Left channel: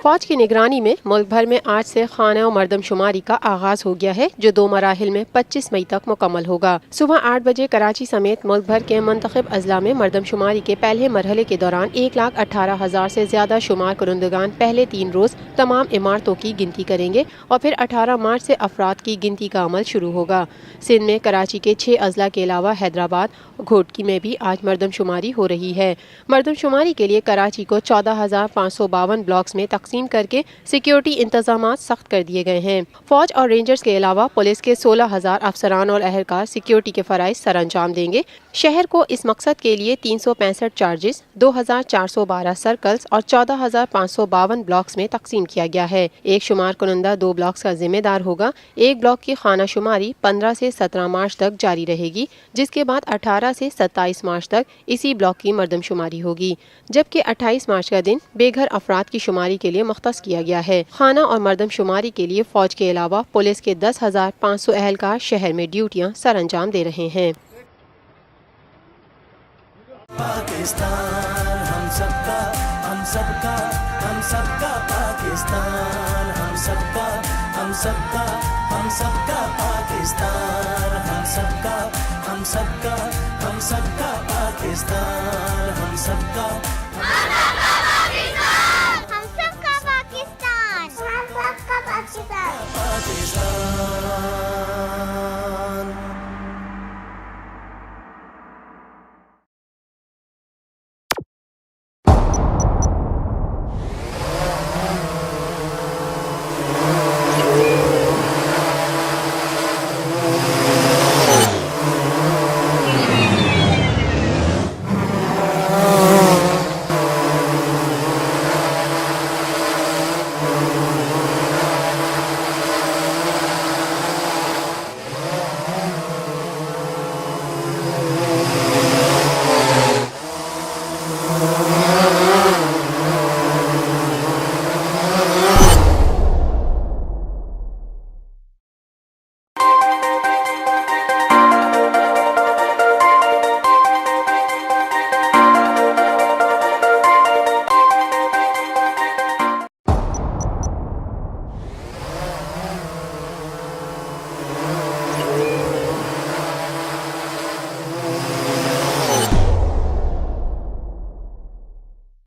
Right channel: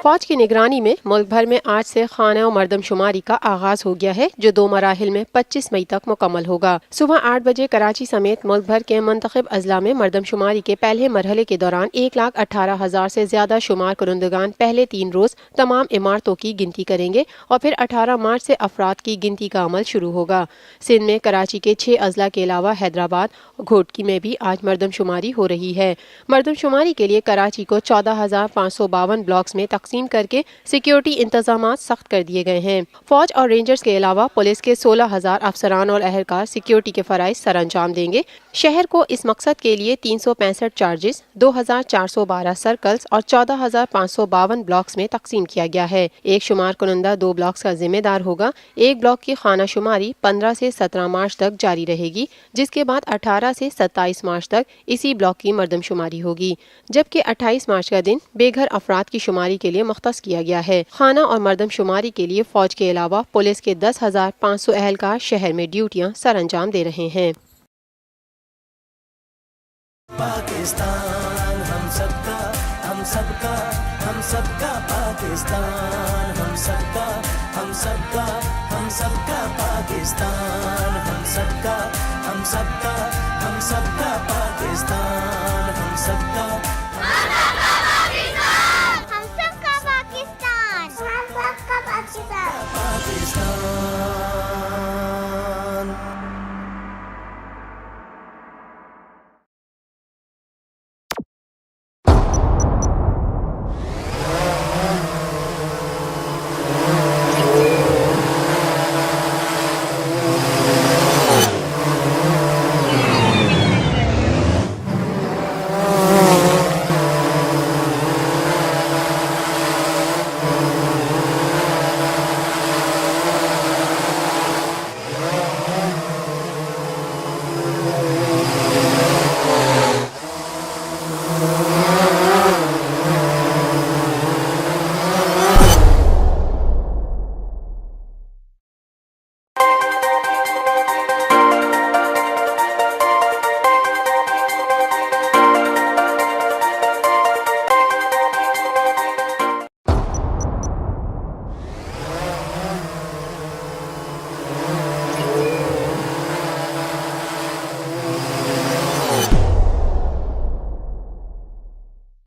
फौज की निगरानी में मुल्क भर में आज से खाना और मरदमशुमारी का आगाज हो गया है, जो 2 मराहिल में 25 मई तक मुकम्मल होगा। सुबह 8 बजे कराची समेत मुल्क भर के मुंतखब अजला में मरदमशुमारी के पहले मरहले के दौरान 1,18,000 से ज्यादा शुमार कुरंदगान पहले 3 रोज तमाम इमारतों की गिनती करेंगे और फिर 18 मार्च से अफराद की गिनती का अमल शुरू होगा। सिंध में कराची के 6 अजला के अलावा हैदराबाद और घोटकी में भी आज मरदमशुमारी हो रही है। मरदमशुमारी के लिए कराची को 14,552 ब्लॉक्स में तकसीम करके सिक्योरिटी इंतजाम सख्त कर दिए गए हैं। फौज और रेंजर्स के अलावा पुलिस के 16,000 अफसरान और अहलकार सिक्योरिटी के फराइज सर अंजाम देंगे। शहर को इस मकसद के लिए 365 चार्जेस, 2,412 सर्कल्स और 14,552 ब्लॉक्स में तकसीम किया गया है। एक शुमार कुनंदा 2 ब्लॉक्स का जिम्मेदार होगा। एक ब्लॉक की खाना शुमारी 15 से 17 मार्च तक जारी रहेगी, जिसके बाद 18 से 27 मार्च तक इसी ब्लॉक की मरदमशुमारी होगी, जबकि 28 मार्च का दिन बेघर अफराद की शुमारी के लिए मुख्तस किया गया है। खाना और मरदमशुमारी के लिए फौज के अलावा पुलिस के 10,500 अहलकार शहर में ड्यूटियां सर अंजाम दे रहे हैं। पाकिस्तान हम सबका, हम सबका, हम सबका पाकिस्तान, हम सबका, हम सबका, हम सबका पाकिस्तान, हम सबका, हम सबका, हम सबका पाकिस्तान, हम सबका